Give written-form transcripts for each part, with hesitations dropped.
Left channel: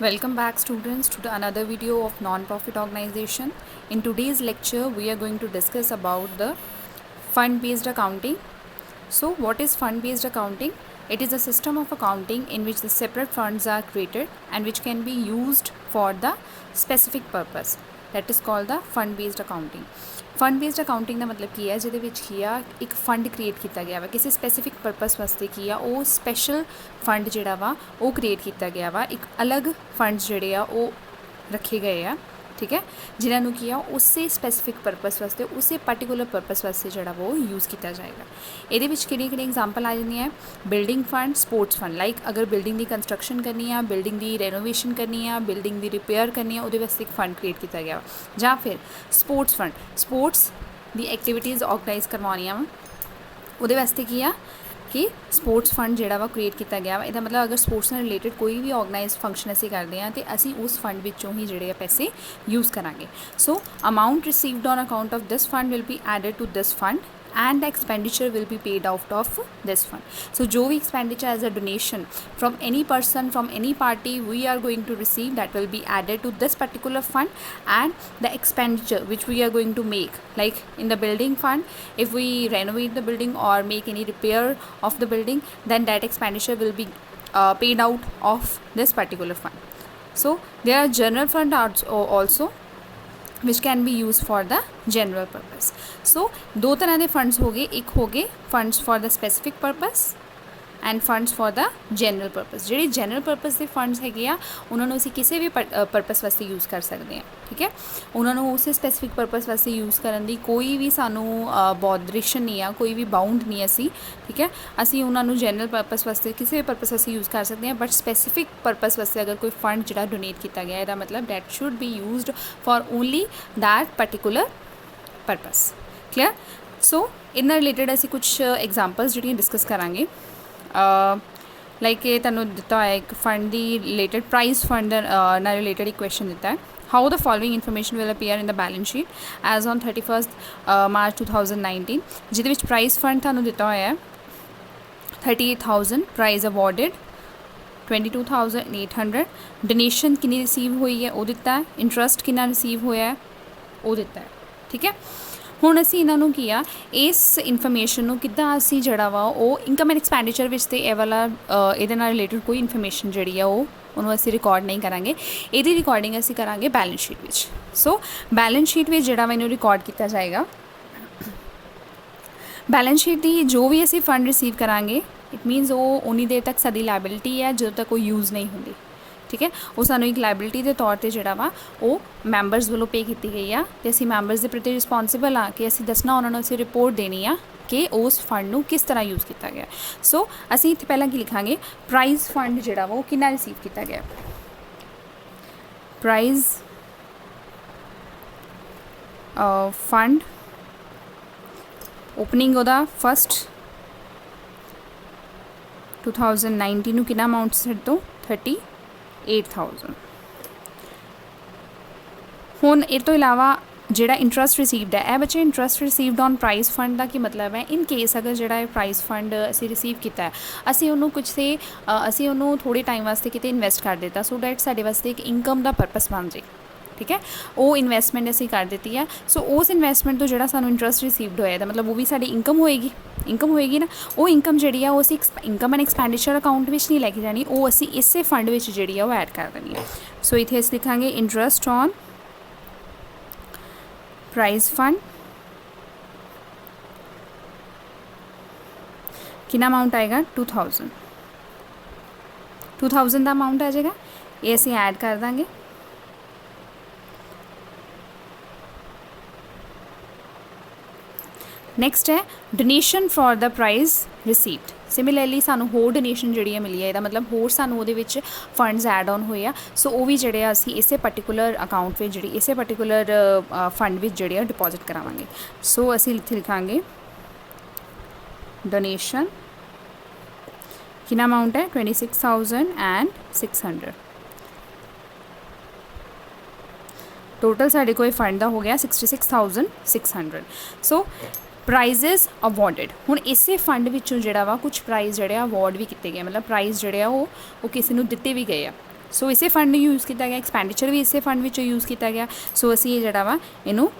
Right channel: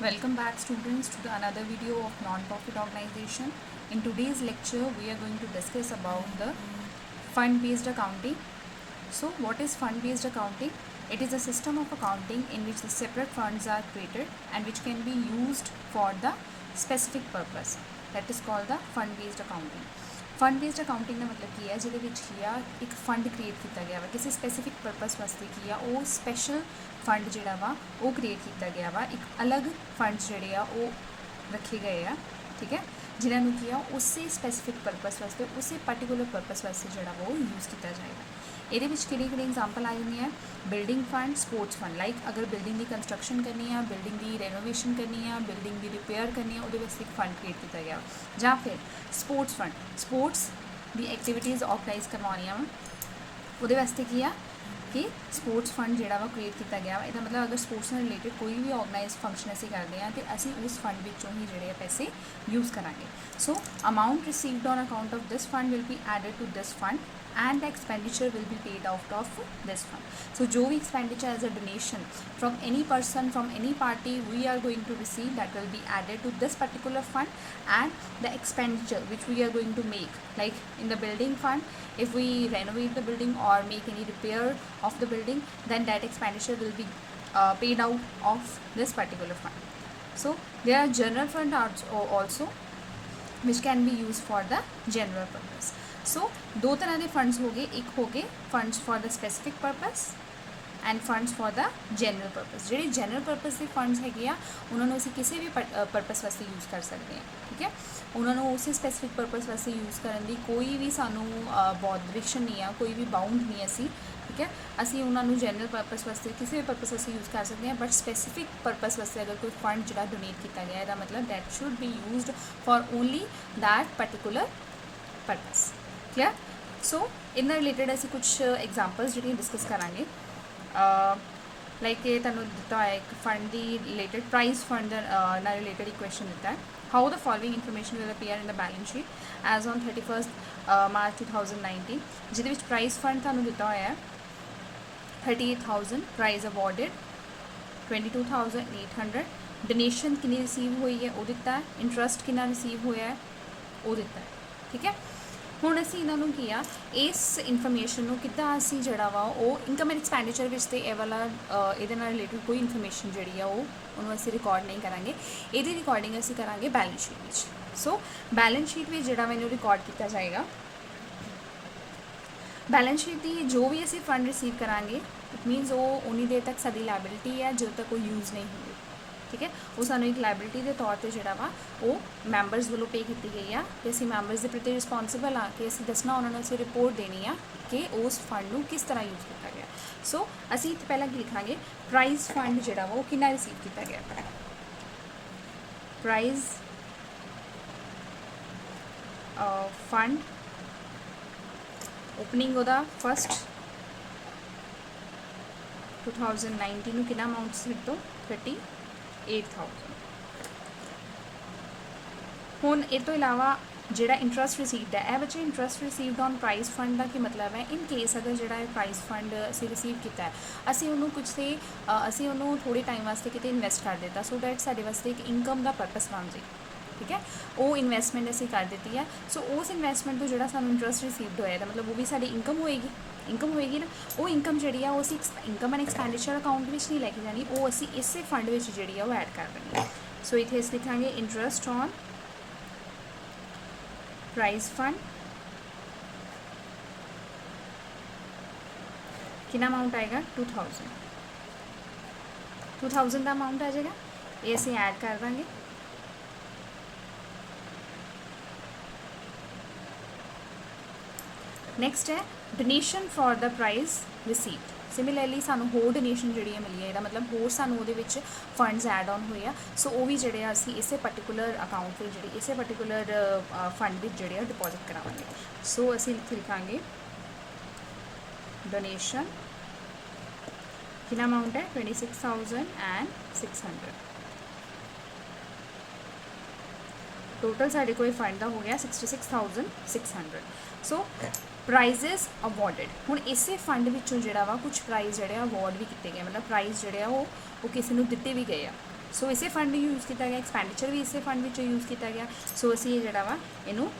Welcome back students to another video of non-profit organization. In today's lecture we are going to discuss about the fund-based accounting. So what is fund-based accounting? It is a system of accounting in which the separate funds are created and which can be used for the specific purpose. That is called the fund-based accounting. Fund based accounting का मतलब की है जिहदे विच की आ एक fund create किया गया वा किसी स्पैसीफिक परपस वास्ते की आ वो स्पैशल फंड जिहड़ा वा वो क्रिएट किया गया वा एक अलग फंड्स जिहड़े आ वो रखे गए आ ठीक है जिन्होंने की आ उसे स्पैसीफिक परपस वास्ते उसे पर्टिकुलर परपस वास्ते जिहड़ा वो यूज़ किया जाएगा ये किहड़ी एग्जाम्पल आ जाती है building fund sports fund like अगर बिल्डिंग की कंस्ट्रक्शन करनी है बिल्डिंग की रेनोवेशन करनी है बिल्डिंग की रिपेयर करनी है वो वास्ते एक फंड क्रिएट किया गया या फिर स्पोर्ट्स फंड स्पोर्ट्स दी एक्टिविटीज़ ऑर्गेनाइज करवानियां वो वास्ते की आ कि स्पोर्ट्स फंड जिहड़ा वा क्रिएट किया गया वा इहदा मतलब अगर स्पोर्ट्स नाल रिलेटेड कोई भी ऑर्गेनाइज फंक्शन असीं करते हैं तो असीं उस फंड विचों ही जिहड़े पैसे यूज़ करांगे so amount received on account of this fund will be added to this fund and the expenditure will be paid out of this fund. So जो भी expenditure as a donation from any person from any party we are going to receive that will be added to this particular fund and the expenditure which we are going to make like in the building fund if we renovate the building or make any repair of the building then that expenditure will be paid out of this particular fund. So there are general fund also which can be used for the general purpose. So दो तरह के funds हो गए एक हो गए funds for the specific purpose end funds for the general purpose ਜਿਹੜੇ general purpose के फंड्स है ਉਹਨਾਂ ਨੂੰ ਅਸੀਂ ਕਿਸੇ ਵੀ पर्पस वास्ते यूज़ कर सकते हैं ठीक है ਉਹਨਾਂ ਨੂੰ ਉਸੇ स्पेसिफिक पर्पस वास्ते यूज़ ਕਰਨ ਦੀ ਕੋਈ ਵੀ ਸਾਨੂੰ ਬੌਂਡਰੇਸ਼ਨ ਨਹੀਂ ਆ ਕੋਈ ਵੀ ਬਾਉਂਡ ਨਹੀਂ ਅਸੀਂ ठीक है ਅਸੀਂ ਉਹਨਾਂ ਨੂੰ जनरल पर्पस वास्ते किसी भी पर्पस वास्ते यूज़ कर सकते हैं बट स्पेसिफिक पर्पस वास्ते अगर कोई फंड ਜਿਹੜਾ डोनेट किया गया ਇਹਦਾ मतलब that should be used for only that particular purpose clear so इन्ना रिलेटेड ਅਸੀਂ कुछ एग्जाम्पल्स ਜਿਹੜੀਆਂ डिस्कस करांगे लाइक ये तुहानूं दिता है एक फंड की रिलेटेड प्राइस फंड ना रिलेटेड एक क्वेश्चन दिता है how the following information will appear in the balance sheet as on 31 March 2019 जिहदे विच प्राइस फंड तुहानूं दिता होया है 38,000 प्राइज अवॉर्डिड 22,800 डोनेशन कितनी रिसीव हुई है वो दिता है इंटरस्ट कितना रिसीव होया है वो दिता है ठीक है ਹੁਣ ਅਸੀਂ ਇਹਨਾਂ ਨੂੰ ਕੀ ਆ ਇਸ ਇਨਫੋਰਮੇਸ਼ਨ ਨੂੰ ਕਿੱਦਾਂ ਅਸੀਂ ਜਿਹੜਾ ਵਾ ਉਹ ਇਨਕਮ ਐਂਡ ਐਕਸਪੈਂਡੀਚਰ ਵਿੱਚ ਤੇ ਇਹ ਵਾਲਾ ਇਹਦੇ ਨਾਲ ਰਿਲੇਟਡ ਕੋਈ ਇਨਫੋਰਮੇਸ਼ਨ ਜਿਹੜੀ ਆ ਉਹਨੂੰ ਅਸੀਂ ਰਿਕਾਰਡ ਨਹੀਂ ਕਰਾਂਗੇ ਇਹਦੀ ਰਿਕਾਰਡਿੰਗ ਅਸੀਂ ਕਰਾਂਗੇ ਬੈਲੈਂਸ ਸ਼ੀਟ ਵਿੱਚ ਸੋ ਬੈਲੈਂਸ ਸ਼ੀਟ ਵਿੱਚ ਜਿਹੜਾ ਵਾ ਇਹਨੂੰ ਰਿਕਾਰਡ ਕੀਤਾ ਜਾਏਗਾ ਬੈਲੈਂਸ ਸ਼ੀਟ ਦੀ ਜੋ ਵੀ ਅਸੀਂ ਫੰਡ ਰਿਸੀਵ ਕਰਾਂਗੇ ਇਟ ਮੀਨਸ ਉਹ ਉਨੀ ਦੇਰ ਤੱਕ ਸਾਡੀ ਲਾਇਬਿਲਿਟੀ ਹੈ ਜਦੋਂ ਤੱਕ ਕੋਈ ਯੂਜ਼ नहीं ਹੁੰਦੀ ठीक है वो सानू एक लाइबिलिटी के तौर पर जोड़ा वा वो मैंबरस वालों पे की गई है तो असी मैंबरस के प्रति रिस्पोंसिबल हाँ कि असी दसना उन्होंने असी रिपोर्ट देनी आ कि उस फंड को किस तरह यूज़ किया गया सो असी इत्थे पहला की लिखांगे प्राइज फंड जोड़ा वा वो कितना रिसीव किया गया प्राइज फंड ओपनिंग ओदा फस्ट 2019 नूं कितना अमाउंट सेट तो 38,000 हुण इस तो इलावा जिहड़ा इंटरस्ट रिसीवड है बच्चे interest received on prize fund का की मतलब है इन केस अगर जिहड़ा प्राइज फंड असी रिसीव किया है असी उन्होंने कुछ से असी उन्होंने थोड़े टाइम वास्ते किते इन्वेस्ट कर दिता सो डैट साडे वास्ते एक इनकम का पर्पस बन जाए ठीक है वो इन्वेस्टमेंट असी कर दी है सो उस इन्वेस्टमेंट तो जो सानू इंटरस्ट रिसीवड होया मतलब वो भी साडी इनकम होएगी ना वो इनकम जी है वो इनकम एंड एक्सपेंडिचर अकाउंट में नहीं लैके जानी वो असी इसे फंड में जी है वो ऐड कर देनी है सो इत्थे असीं लिखांगे इंटरस्ट ऑन प्राइज फंड कितना अमाउंट आएगा 2000 का अमाउंट आ जाएगा ये असीं ऐड कर देंगे नैक्सट है donation for the prize received similarly सानू होर डोनेशन जी मिली है मतलब होर सानू वो फंड्स ऐड ऑन हुए आ सो वो भी जोड़े असी इसे पर्टिकुलर अकाउंट में जी इसे पर्टिकुलर फंड में जोड़े डिपॉजिट करावांगे सो असी इत्थे लिखांगे डोनेशन कितना अमाउंट है 26,600 टोटल साढ़े कोई फंड का हो गया 66,600 सो प्राइजेस अवॉर्डिड हुण इसे फंड विचों जिहड़ा वा कुछ प्राइज़ जिहड़े अवॉर्ड भी किए गए मतलब प्राइज़ जिहड़े वो किसी नूं दिते भी गए सो इसे फंड यूज़ किया गया, एक्सपैंडिचर भी इसे फंड विचों यूज़ किया गया। सो असी जिहड़ा वा इनू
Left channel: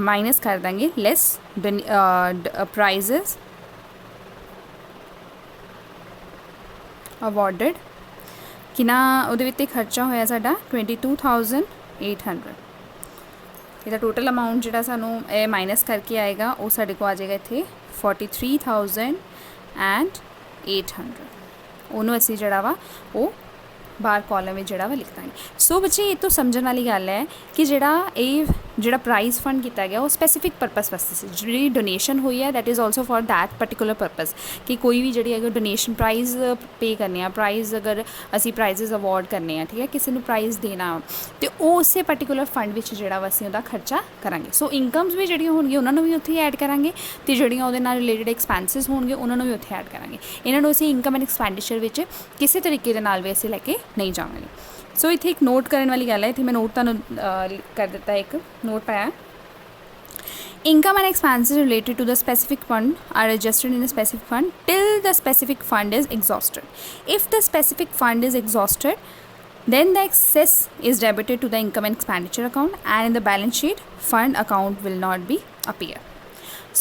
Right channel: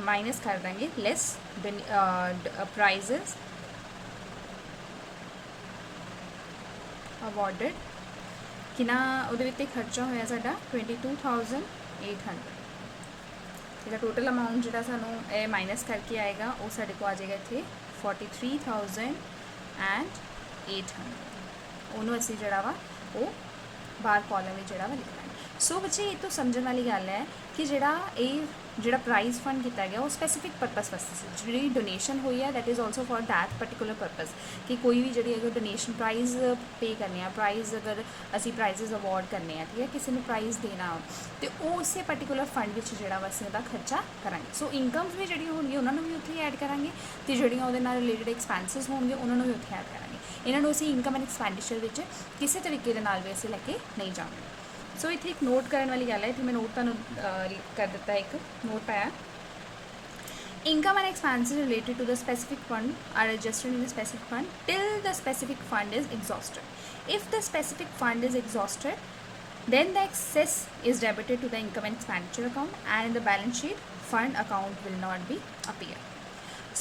माइनस कर देंगे लैस प्राइजेस अवॉर्डिड। किना उहदे विच खर्चा होया साडा 22,800। ਇਹਦਾ टोटल अमाउंट ਜਿਹੜਾ ਸਾਨੂੰ ਇਹ माइनस करके आएगा वो साढ़े को आ जाएगा इत्थे 43,800। ਉਹਨੂੰ ਅਸੀਂ ਜਿਹੜਾ ਵਾ ਉਹ बाहर कॉलम में जोड़ा वा लिख देंगे। सो बच्चे ये तो समझने वाली गल है कि जोड़ा प्राइज़ फंड किया गया वो स्पैसीफिक परपज़ वास्ते जी डोनेशन हुई है that is also for that particular purpose कि कोई भी जी अगर डोनेशन प्राइज़ पे करने प्राइज़ अगर असी प्राइजेज अवॉर्ड करने ठीक है किसी को प्राइज़ देना तो उस पर्टिकुलर फंड में जोड़ा वा असीं उहदा खर्चा करांगे। सो इनकम्स भी जिहड़ियां होणगियां उन्हां नूं भी उत्थे ऐड करांगे ते जिहड़ियां उहदे नाल रिलेटेड एक्सपेंसिस होणगे उन्हां नूं भी उत्थे ऐड करांगे। इन्हां नूं असीं इनकम एंड एक्सपेंडिचर विच किसी तरीके दे नाल भी असीं लैके नहीं जावांगे। सो इत्थे एक नोट करने वाली गल है, इत्थे मैं नोट तुहानूं कर दिता है, एक नोट पाया income and expenses related to the specific fund are adjusted in a specific fund till the specific fund is exhausted. If the specific fund is exhausted, then the excess is debited to the income and expenditure account and in the balance sheet fund account will not be appear.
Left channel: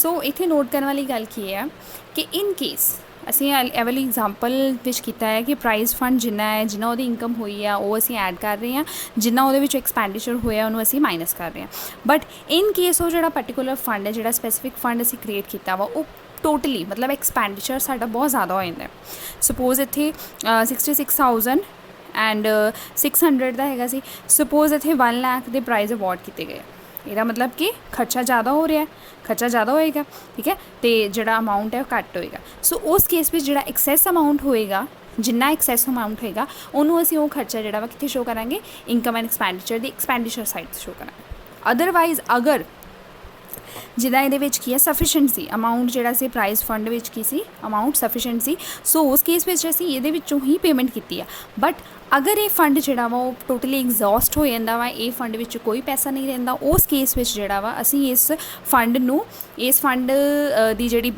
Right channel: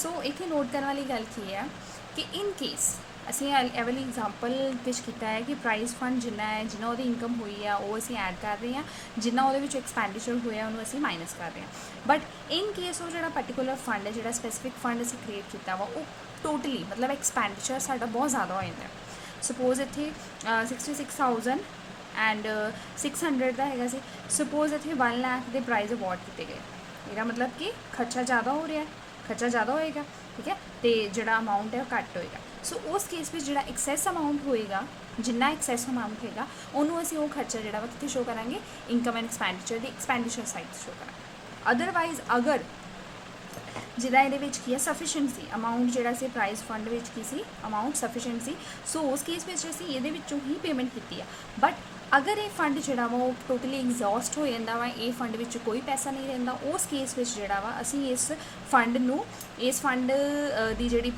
So इत्थे note करने वाली गल की है कि in case ਅਸੀਂ ਇਹ ਵਾਲੀ ਐਗਜ਼ਾਮਪਲ ਵਿੱਚ ਕੀਤਾ ਹੈ ਕਿ ਪ੍ਰਾਈਜ਼ ਫੰਡ ਜਿੰਨਾ ਹੈ ਜਿੰਨਾ ਉਹਦੀ ਇਨਕਮ ਹੋਈ ਆ ਉਹ ਅਸੀਂ ਐਡ ਕਰ ਰਹੇ ਹਾਂ, ਜਿੰਨਾ ਉਹਦੇ ਵਿੱਚ ਐਕਸਪੈਂਡੀਚਰ ਹੋਇਆ ਉਹਨੂੰ ਅਸੀਂ ਮਾਈਨਸ ਕਰ ਰਹੇ ਹਾਂ। ਬਟ ਇਨ ਕੇਸ ਉਹ ਜਿਹੜਾ ਪਰਟੀਕੂਲਰ ਫੰਡ ਹੈ ਜਿਹੜਾ ਸਪੈਸੀਫਿਕ ਫੰਡ ਅਸੀਂ ਕ੍ਰੀਏਟ ਕੀਤਾ ਵਾ ਉਹ ਟੋਟਲੀ ਮਤਲਬ ਐਕਸਪੈਂਡੀਚਰ ਸਾਡਾ ਬਹੁਤ ਜ਼ਿਆਦਾ ਹੋ ਜਾਂਦਾ। ਸਪੋਜ਼ ਇੱਥੇ 66,000 ਐਂਡ 600 ਦਾ ਹੈਗਾ ਸੀ, ਸਪੋਜ਼ ਇੱਥੇ 1 ਲੱਖ ਦੇ ਪ੍ਰਾਈਜ਼ ਅਵਾਰਡ ਕੀਤੇ ਗਏ, ਇਹਦਾ ਮਤਲਬ ਕਿ ਖਰਚਾ ਜ਼ਿਆਦਾ ਹੋ ਰਿਹਾ, खर्चा ज़्यादा होएगा ठीक है, तो जोड़ा अमाउंट है घट होएगा। सो उस केस में जोड़ा एक्सैस अमाउंट होएगा जिन्ना एक्सैस अमाउंट होएगा उन्होंने असीं वो खर्चा जोड़ा वा कित्थे शो करांगे income and expenditure the expenditure side show करांगे। अदरवाइज अगर जिदा ये की है सफिशेंट सी अमाउंट जोड़ा से प्राइज़ फंड विच की सी अमाउंट सफिशेंट सी, सो उस केस में असीं ये ही पेमेंट की है। बट अगर ये फंड जोड़ा वा टोटली एग्जॉस्ट हो जाता वा ये फंड विच कोई पैसा नहीं रहिंदा उस केस में जोड़ा वा असीं इस फंड दी जिहड़ी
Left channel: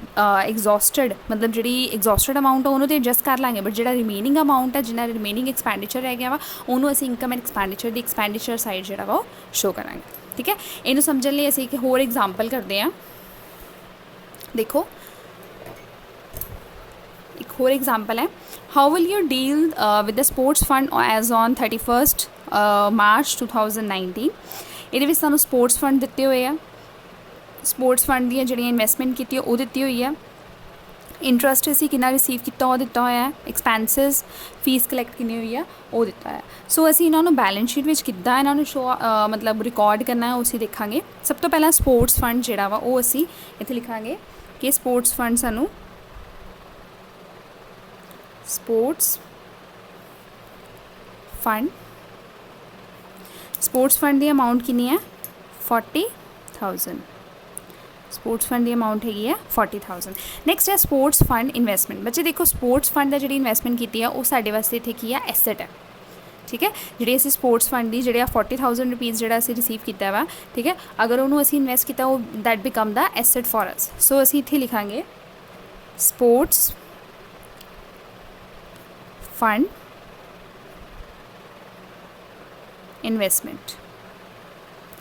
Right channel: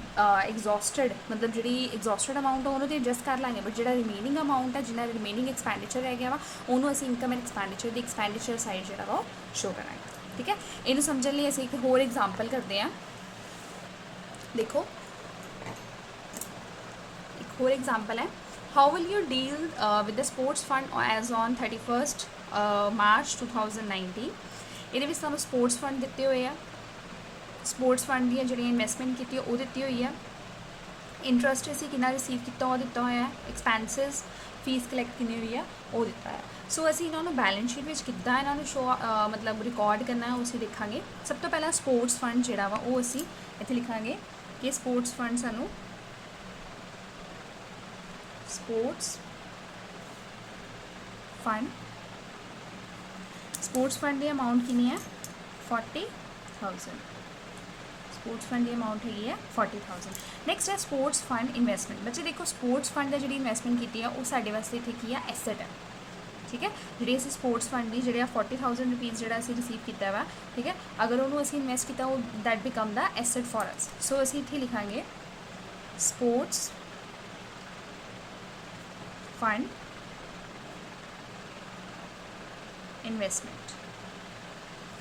एग्जॉस्टड मतलब जिहड़ी एग्जॉस्टड अमाउंट उन्होंने तो एडजस्ट कर लांगे, बट जिहड़ा रिमेनिंग अमाउंट है जिन्ना रिमेनिंग एक्सपेंडिचर रह गया वा उन्होंने असीं income and expenditure the expenditure side जोड़ा वा शो करांगे ठीक है। इनू समझने लिए असीं एक होर एग्जाम्पल करते हैं। देखो एक होर एग्जाम्पल है, how will you deal with the sports fund as on 31 March 2019। ये सानू स्पोर्ट्स फंड दिते हुए हैं, स्पोर्ट्स फंड दी जिहड़ियां इन्वेस्टमेंट की वो दी हुई है, इंटरस्ट असीं कितना रिसीव किया वो दिता होया है, एक्सपेंसिस फीस कलैक्ट कितनी हुई है वो दिता है। सो असीं इन्हां नूं बैलेंस शीट विच किद्दां इन्हां नूं शो मतलब रिकॉर्ड करना है उसी देखांगे। सब तो पहला स्पोर्ट्स फंड जिहड़ा वा वो असीं इत्थे लिखांगे कि स्पोर्ट्स फंड सानू स्पोर्ट्स फंड की अमाउंट कितनी है 40,000। स्पोर्ट्स फंड की अमाउंट हैगी है 40,000। नैक्सट है स्पोर्ट्स फंड इन्वेस्टमेंट। बच्चे देखो स्पोर्ट्स फंड है जी इन्वेस्टमेंट की है वो साढ़े वास्ते इत्थे की है एसेट है ठीक है। जी असी स्पोर्ट्स फंड की जी 40,000 रुपीज़ जो असी रिसीव किया वा ठीक है, अगर उन्होंने असी इन्वेस्ट किया वो that become the asset for us. So असी इत्थे लिखांगे sports fund investment.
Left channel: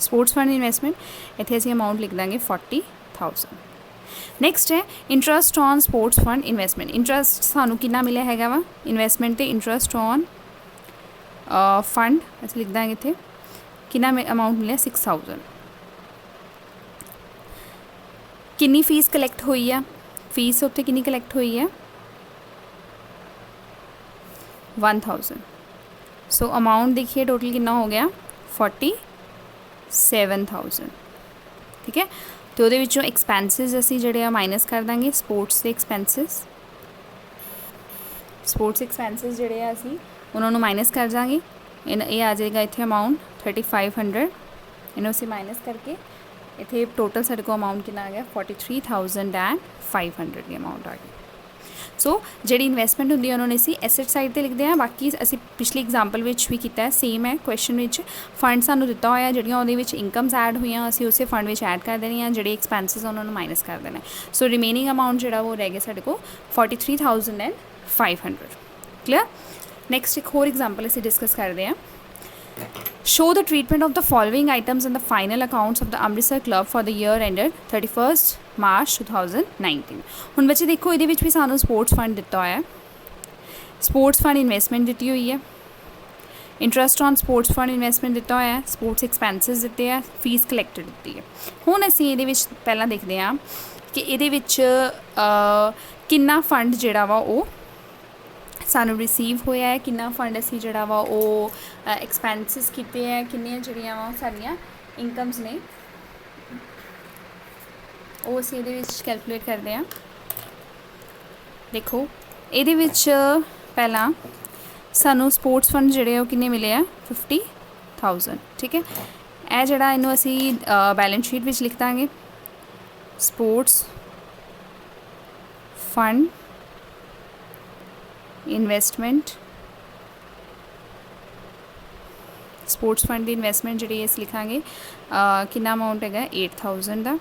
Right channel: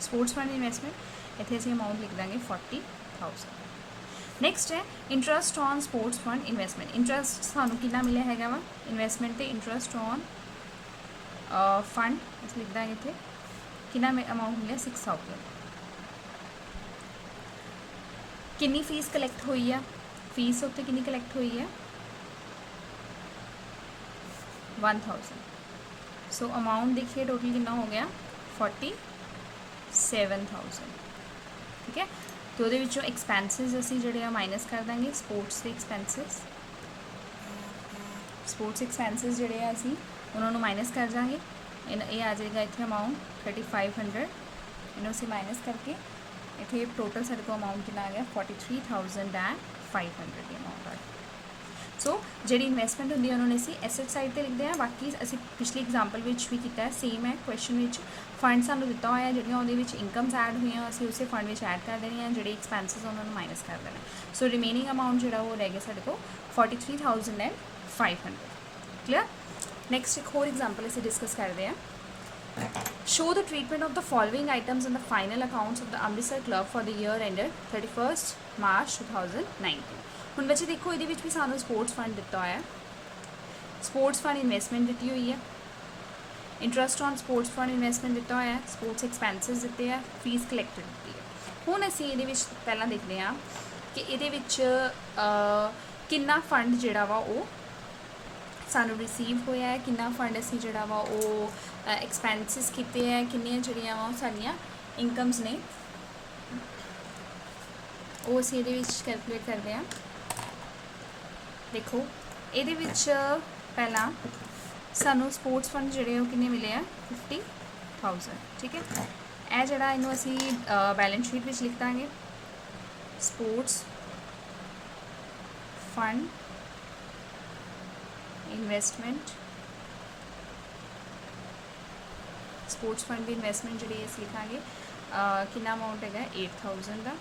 Sports fund investment इत्थे असी अमाउंट लिख देंगे 40,000। नैक्सट है interest on sports fund investment. Interest सानू कितना मिले हैगा वा इन्वेस्टमेंट ते इंटरस्ट ऑन फंड असीं लिख देंगे इत्थे कितना अमाउंट मिले 6,000। कितनी फीस कलैक्ट हुई है, फीस उत्थे कितनी कलैक्ट हुई है 1,000। सो अमाउंट देखिए टोटल कितना हो गया 47,000 ठीक है। तो वो एक्सपेंसिस असी जोड़े माइनस कर देंगे स्पोर्ट्स के एक्सपेंसिस जोड़े असी उन्होंने माइनस कर देंगे। ये आ जाएगा इतने अमाउंट 3,500 इन्हों से माइनस करके इतने टोटल सारे को अमाउंट कितना आ गया 43,500 की अमाउंट आ गई। सो जी इन्वेस्टमेंट होंगी उन्होंने असी एसेट साइड पर लिखते हैं। बाकी असी पिछली एग्जाम्पल भी किया है सेम है क्वेश्चन में फंड सानू दिता होया जिहड़ियां उहदे विच इनकम्स ऐड हुई असी उस फंड में ऐड कर देनी जी एक्सपेंसिस उन्होंंने माइनस कर देना। सो रिमेनिंग अमाउंट जो वो रह गया साढ़े को 43,500 क्लियर। ਨੈਕਸਟ ਇੱਕ ਹੋਰ ਐਗਜ਼ਾਮਪਲ ਅਸੀਂ ਡਿਸਕਸ ਕਰਦੇ ਹਾਂ। Show the treatment of the following items in the final accounts of the Amritsar Club for the year ended 31st March 2019। ਹੁਣ ਬੱਚੇ ਦੇਖੋ ਇਹਦੇ ਵਿੱਚ ਵੀ ਸਾਨੂੰ ਸਪੋਰਟਸ ਫੰਡ ਦਿੱਤਾ ਹੋਇਆ ਹੈ, ਸਪੋਰਟਸ ਫੰਡ ਇਨਵੈਸਟਮੈਂਟ ਦਿੱਤੀ ਹੋਈ ਹੈ, interest on sports fund investment ਦਿੱਤਾ ਹੋਇਆ ਹੈ, ਸਪੋਰਟਸ ਐਕਸਪੈਂਸਿਸ ਦਿੱਤੇ ਆ, ਫੀਸ ਕਲੈਕਟਡ ਦਿੱਤੀ ਹੈ। ਹੁਣ ਅਸੀਂ ਇਹਦੇ ਵਿੱਚ ਪਹਿਲਾਂ ਦੇਖਦੇ ਹਾਂ ਕਿ ਇਹਦੇ ਵਿੱਚ ਕਿੰਨਾ ਫੰਡ ਜਿਹੜਾ ਵਾ ਉਹ ਸਾਨੂੰ ਰਿਸੀਵ ਹੋਇਆ ਹੈ, ਕਿੰਨਾ ਫੰਡ ਅਸੀਂ ਜਿਹੜਾ ਵਾ ਉਹ ਐਕਸਪੈਂਸਿਸ ਕੀਤੇ ਹੈ, ਕਿੰਨੀਆਂ ਜਿਹੜੀਆਂ ਵਾ ਸਾਡੀਆਂ ਇਨਕਮਸ ਨੇ ਉਹ ਅਸੀਂ ਇਹਦੇ ਵਿੱਚ ਕੈਲਕੂਲੇਟ ਕਰਦੇ ਹਾਂ। ਦੇਖੋ ਇਹਦੇ ਵਿੱਚ ਪਹਿਲਾਂ ਸਾਨੂੰ ਸਪੋਰਟਸ ਫੰਡ ਜਿਹੜੇ ਉਹ ਕਿੰਨੇ ਮਿਲੇ ਆ 50,000। ਠੀਕ ਹੈ, ਇਹ ਜਿਹੜਾ ਇਹਨੂੰ ਅਸੀਂ ਬੈਲੈਂਸ ਸ਼ੀਟ ਵਿੱਚ ਲਿਖ ਦਾਂਗੇ, sports fund investment, sports fund ਦੀ ਇਨਵੈਸਟਮੈਂਟ ਜਿਹੜੀ ਅਸੀਂ ਲਿਖਾਂਗੇ ਕਿੰਨਾ ਅਮਾਊਂਟ ਹੈਗਾ 8,000 ਦਾ।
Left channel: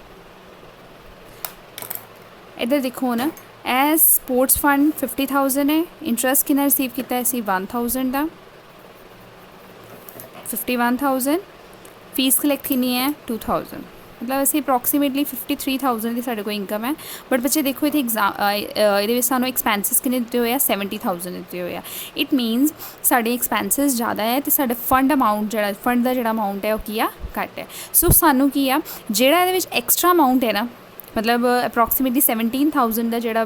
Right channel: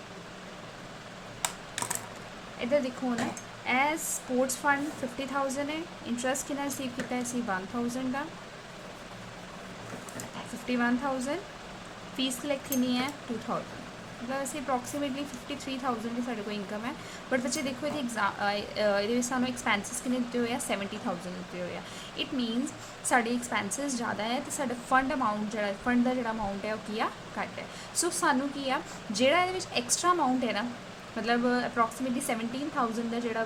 ਇੱਧਰ ਦੇਖੋ ਨਾ, ਇਹ ਸਪੋਰਟਸ ਫੰਡ 50,000 ਹੈ, ਇੰਟਰਸਟ ਕਿੰਨਾ ਰਿਸੀਵ ਕੀਤਾ ਅਸੀਂ 1,000 ਦਾ, 51,000, ਫੀਸ ਕਲੈਕਟ ਕਿੰਨੀ ਹੈ 2,000, ਮਤਲਬ ਅਸੀਂ ਅਪਰੋਕਸੀਮੇਟਲੀ 53,000 ਦੀ ਸਾਡੇ ਕੋਲ ਇਨਕਮ ਹੈ। ਬਟ ਬੱਚੇ ਦੇਖੋ ਇੱਥੇ ਇਹਦੇ ਵਿੱਚ ਸਾਨੂੰ ਐਕਸਪੈਂਸਿਸ ਕਿੰਨੇ ਦਿੱਤੇ ਹੋਏ ਆ 70,000 ਦਿੱਤੇ ਹੋਏ ਆ। ਇਟ ਮੀਨਸ ਸਾਡੇ ਐਕਸਪੈਂਸਿਸ ਜ਼ਿਆਦਾ ਹੈ ਅਤੇ ਸਾਡੇ ਫੰਡ ਅਮਾਊਂਟ ਜਿਹੜਾ ਫੰਡ ਦਾ ਜਿਹੜਾ ਅਮਾਊਂਟ ਹੈ ਉਹ ਕੀ ਆ ਘੱਟ ਹੈ। ਸੋ ਸਾਨੂੰ ਕੀ ਆ ਜਿਹੜਾ ਇਹਦੇ ਵਿੱਚ ਐਕਸਟਰਾ ਅਮਾਊਂਟ ਹੈ ਨਾ, ਮਤਲਬ ਅਪਰੋਕਸੀਮੇਟਲੀ 17,000 ਦਾ ਜਿਹੜਾ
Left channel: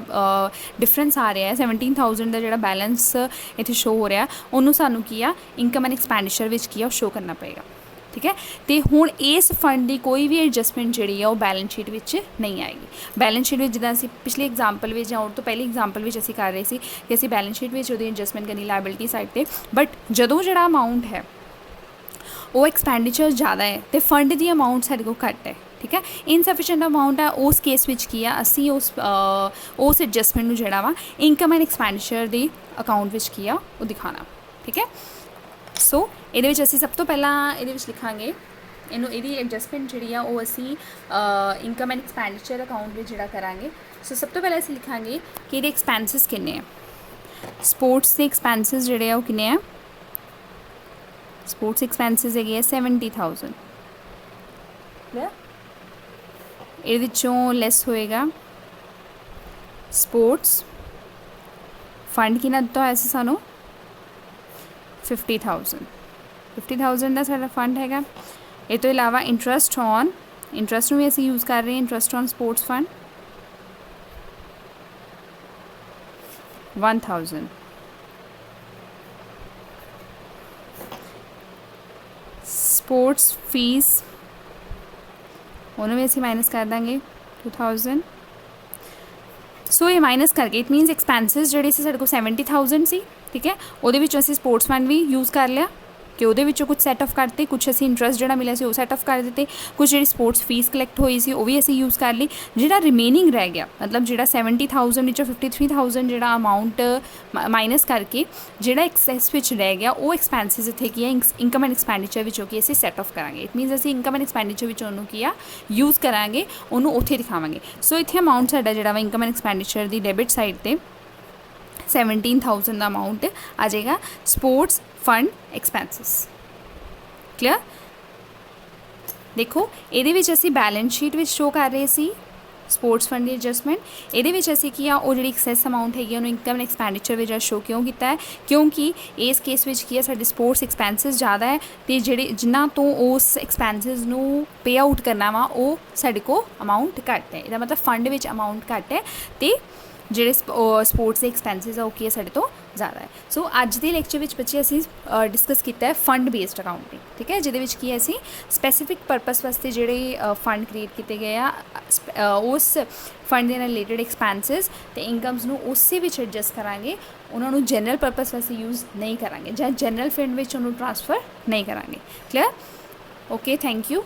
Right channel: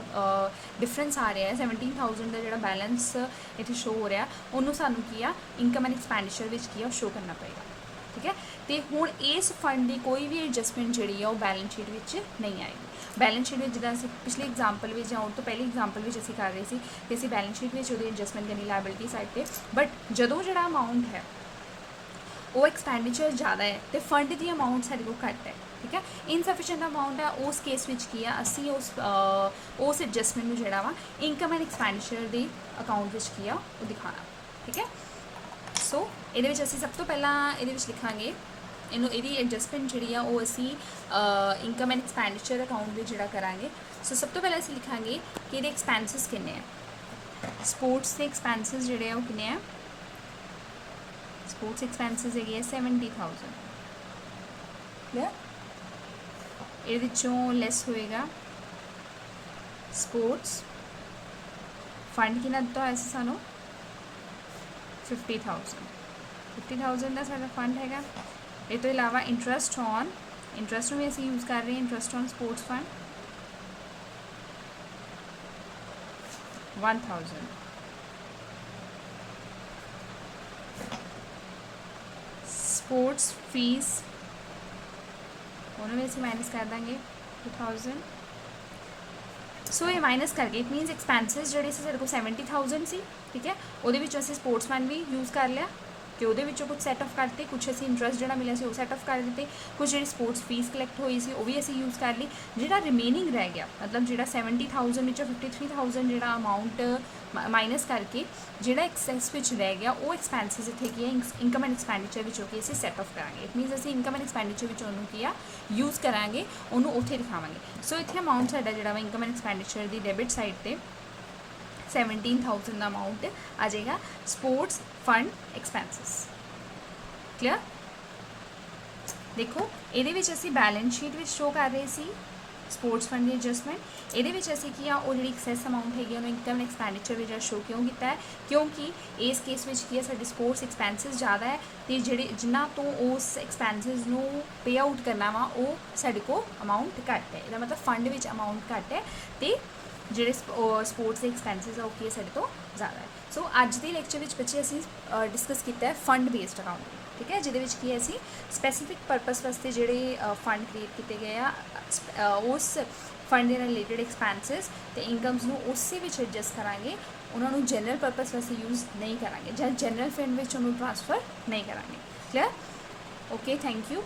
ਡਿਫਰੈਂਸ ਆ ਰਿਹਾ ਹੈ, 17,000 ਦਾ ਜਿਹੜਾ ਬੈਲੈਂਸ ਇੱਥੇ ਸ਼ੋ ਹੋ ਰਿਹਾ, ਉਹਨੂੰ ਸਾਨੂੰ ਕੀ ਆ ਇਨਕਮ ਐਂਡ ਐਕਸਪੈਂਡੀਚਰ ਵਿੱਚ ਕੀ ਆ ਉਹ ਸ਼ੋ ਕਰਨਾ ਪਏਗਾ। ਠੀਕ ਹੈ, ਤੇ ਹੁਣ ਇਸ ਫੰਡ ਦੀ ਕੋਈ ਵੀ ਐਡਜਸਟਮੈਂਟ ਜਿਹੜੀ ਆ ਉਹ ਬੈਲੈਂਸ ਸ਼ੀਟ ਵਿੱਚ ਨਹੀਂ ਆਏਗੀ। ਬੈਲੈਂਸ ਸ਼ੀਟ ਵਿੱਚ ਜਿੱਦਾਂ ਅਸੀਂ ਪਿਛਲੀ ਐਗਜ਼ਾਮਪਲ ਵਿੱਚ ਜਾਂ ਉਹ ਤੋਂ ਪਹਿਲੀ ਐਗਜ਼ਾਮਪਲ ਵਿੱਚ ਅਸੀਂ ਕਰ ਰਹੇ ਸੀ ਕਿ ਅਸੀਂ ਬੈਲੈਂਸ ਸ਼ੀਟ ਵਿੱਚ ਉਹਦੀ ਐਡਜਸਟਮੈਂਟ ਕਰਨੀ ਲਾਇਬਿਲਿਟੀ ਸਾਈਡ 'ਤੇ, ਬਟ ਜਦੋਂ ਜਿਹੜਾ ਅਮਾਊਂਟ ਹੈ ਉਹ ਐਕਸਪੈਂਡੀਚਰ ਜ਼ਿਆਦਾ ਹੈ ਅਤੇ ਫੰਡ ਦੀ ਅਮਾਊਂਟ ਸਾਡੇ ਕੋਲ ਘੱਟ ਹੈ, ਠੀਕ ਹੈ, ਇਨਸਫੀਸ਼ੀਐਂਟ ਅਮਾਊਂਟ ਹੈ, ਉਸ ਕੇਸ ਵਿੱਚ ਕੀ ਆ ਅਸੀਂ ਉਸ ਐਡਜਸਟਮੈਂਟ ਨੂੰ ਜਿਹੜਾ ਵਾ income and expenditure the account ਵਿੱਚ ਕੀ ਆ ਉਹ ਦਿਖਾਉਣਾ। ਠੀਕ ਹੈ, ਸੋ ਇਹਦੇ ਵਿੱਚ ਅਸੀਂ ਸਭ ਤੋਂ ਪਹਿਲਾਂ ਇਹਦੇ ਵਿੱਚ ਲਿਖਾਂਗੇ ਇਹਦੀ ਐਡਜਸਟਮੈਂਟ ਜਿਹੜੀ ਆ ਉਹ ਅਸੀਂ ਇਨਕਮ ਐਂਡ ਐਕਸਪੈਂਡੀਚਰ ਅਕਾਊਂਟ ਵਿੱਚ ਜਿਹੜਾ ਕਰਾਂਗੇ। ਸੋ ਸਭ ਤੋਂ ਪਹਿਲਾਂ ਅਸੀਂ ਲਿਖਾਂਗੇ ਕਿ ਇਹਦੇ ਐਕਸਪੈਂਸਿਸ ਕਿੰਨੇ ਆ, ਸਪੋਰਟਸ ਦੇ ਐਕਸਪੈਂਸਿਸ ਜਿਹੜੇ ਆ ਉਹ ਕਿੰਨੇ ਆ, ਸਪੋਰਟਸ ਐਕਸਪੈਂਸਿਸ ਹੈਗੇ ਆ 70,000। ਇਹਦੇ ਵਿੱਚੋਂ ਲੈਸ ਹੋਏਗਾ ਸਪੋਰਟਸ ਫੰਡ ਕਿੰਨਾ ਦਿੱਤਾ ਹੋਇਆ ਸੀ ਸਾਨੂੰ 50,000 ਦਾ ਸਾਡਾ ਫੰਡ ਹੈਗਾ। ਇਹ ਤੋਂ ਇਲਾਵਾ ਇੰਟਰਸਟ ਨੂੰ ਵੀ ਅਸੀਂ ਯੂਜ਼ ਕਰ ਰਹੇ ਹਾਂ, interest on sports fund 1,000, sports fees ਉਹਨੂੰ ਵੀ ਅਸੀਂ ਮਾਈਨਸ ਕਰ ਦਾਂਗੇ 2,000। ਸੋ ਇਹ ਮਾਈਨਸ ਕਰਕੇ ਇਟ ਮੀਨਸ ਐਕਸਪੈਂਸਿਸ ਜਿਹੜੇ ਸੀ ਸਾਡੇ ਕੋਲ 70,000 ਸੀ, ਠੀਕ ਹੈ, ਉਹਦੇ ਵਿੱਚੋਂ ਅਸੀਂ ਸਪੋਰਟਸ ਫੰਡ ਵੀ ਯੂਜ਼ ਕਰ ਲਿਆ ਕਿ ਉਹਦੇ ਵਿੱਚੋਂ ਕੁਝ ਸੈਟ ਆਫ ਕਰਤੇ, ਕੁਝ ਅਸੀਂ ਇੰਟਰਸਟ ਜਿਹੜਾ ਮਿਲਿਆ ਸੀ ਉਹ ਸੈਟ ਆਫ ਕਰ ਦਿੱਤੇ, ਕੁਝ ਜਿਹੜੀ ਸਪੋਰਟਸ ਫੀਸ ਕਲੈਕਟ ਹੋਈ ਸੀ ਉਹ ਵੀ ਅਸੀਂ ਯੂਜ਼ ਕਰ ਲਈ। ਜਿਹੜਾ ਰਿਮੇਨਿੰਗ ਰਹਿ ਗਿਆ ਮਤਲਬ ਜਿਹੜਾ 70,000 ਵਿੱਚੋਂ 53,000 ਜਿਹੜਾ ਅਮਾਊਂਟ ਮਾਈਨਸ ਕਰਕੇ ਜਿਹੜਾ ਐਕਸੈਸ ਵਿੱਚ ਰਹਿ ਗਿਆ ਉਹ ਐਕਸਪੈਂਸਿਸ ਇੱਥੇ ਕੀ ਹੈ ਇਨਕਮ ਐਂਡ ਐਕਸਪੈਂਡੀਚਰ ਵਿੱਚੋਂ ਕੀ ਅਸੀਂ ਸੈਟ ਆਫ ਕਰਾਂਗੇ। ਇਟ ਮੀਨਸ ਅਸੀਂ ਇਨਕਮ ਐਂਡ ਐਕਸਪੈਂਡੀਚਰ ਵਿੱਚ ਉਹਨੂੰ ਕੀ ਆ ਯੂਜ਼ ਕਰਾਂਗੇ, ਉਹਨੂੰ ਉੱਥੇ ਦਿਖਾਵਾਂਗੇ। ਸੋ ਇੱਥੇ ਅਮਾਊਂਟ ਸਾਡਾ ਜਿਹੜਾ ਵਾ income and expenditure the debit side 'ਤੇ 17,000 ਦਾ ਅਮਾਊਂਟ ਆ ਜਾਏਗਾ ਸਪੋਰਟਸ ਫੰਡ ਐਕਸਪੈਂਸਿਸ। ਕਲੀਅਰ, ਦੇਖੋ ਇਹਦੇ ਵਿੱਚ ਅਸੀਂ ਬੈਲੈਂਸ ਸ਼ੀਟ ਵਿੱਚ ਸ਼ੋ ਕਰ ਰਹੇ ਸੀ ਸਪੋਰਟਸ ਫੰਡ ਦੀ ਐਡਜਸਟਮੈਂਟ, ਇਹਦੇ ਵਿੱਚ ਅਸੀਂ ਕੀ ਆ ਉਹ ਜਿਹੜੀ ਐਕਸੈਸ ਅਮਾਊਂਟ ਹੈਗੀ ਉਹਨੂੰ ਇਨਕਮ ਐਕਸਪੈਂਡੀਚਰ ਵਿੱਚ ਸ਼ੋ ਕਿਉਂ ਕੀਤਾ ਹੈ, ਕਿਉਂਕਿ ਇਸ ਕੇਸ ਵਿੱਚ ਕੀ ਹੈ ਸਾਡੇ ਸਪੋਰਟਸ ਐਕਸਪੈਂਸਿਸ ਜ਼ਿਆਦਾ ਹੈ ਅਤੇ ਜਿਹੜੇ ਜਿਨ੍ਹਾਂ ਤੋਂ ਉਸ ਐਕਸਪੈਂਸਿਸ ਨੂੰ ਪੇ ਆਊਟ ਕਰਨਾ ਵਾ ਉਹ ਸਾਡੇ ਕੋਲ ਅਮਾਊਂਟ ਘੱਟ ਹੈ। ਇਹਦਾ ਮਤਲਬ ਫੰਡ ਵਿੱਚ ਅਮਾਊਂਟ ਘੱਟ ਹੈ ਅਤੇ ਜਿਹੜੇ ਸਪੋਰਟਸ ਦੇ ਐਕਸਪੈਂਸਿਸ ਆ ਉਹ ਕੀ ਹੈ ਸਾਡੇ ਤੋਂ ਜ਼ਿਆਦਾ ਹੈ। ਸੋ ਅੱਜ ਦੇ ਲੈਕਚਰ ਵਿੱਚ ਬੱਚੇ ਅਸੀਂ ਡਿਸਕਸ ਕੀਤਾ ਹੈ ਫੰਡ ਬੇਸਡ ਅਕਾਊਂਟਿੰਗ, ਠੀਕ ਹੈ, ਜਿਹਦੇ ਵਿੱਚ ਕੀ ਹੈ ਅਸੀਂ ਸਪੈਸੀਫਿਕ ਪਰਪਸ ਵਾਸਤੇ ਜਿਹੜੇ ਫੰਡ ਕ੍ਰੀਏਟ ਕੀਤੇ ਗਏ ਆ ਉਸ ਫੰਡ ਦੇ ਨਾਲ ਰਿਲੇਟਡ ਐਕਸਪੈਂਸਿਸ ਅਤੇ ਇਨਕਮਸ ਨੂੰ ਉਸੇ ਵਿੱਚ ਐਡਜਸਟ ਕਰਾਂਗੇ, ਉਹਨਾਂ ਨੂੰ ਜਨਰਲ ਪਰਪਸ ਵਾਸਤੇ ਯੂਜ਼ ਨਹੀਂ ਕਰਾਂਗੇ ਜਾਂ ਜਨਰਲ ਫੰਡ ਵਿੱਚ ਉਹਨੂੰ ਟ੍ਰਾਂਸਫਰ ਨਹੀਂ ਕਰਾਂਗੇ। Clear, okay, thank you.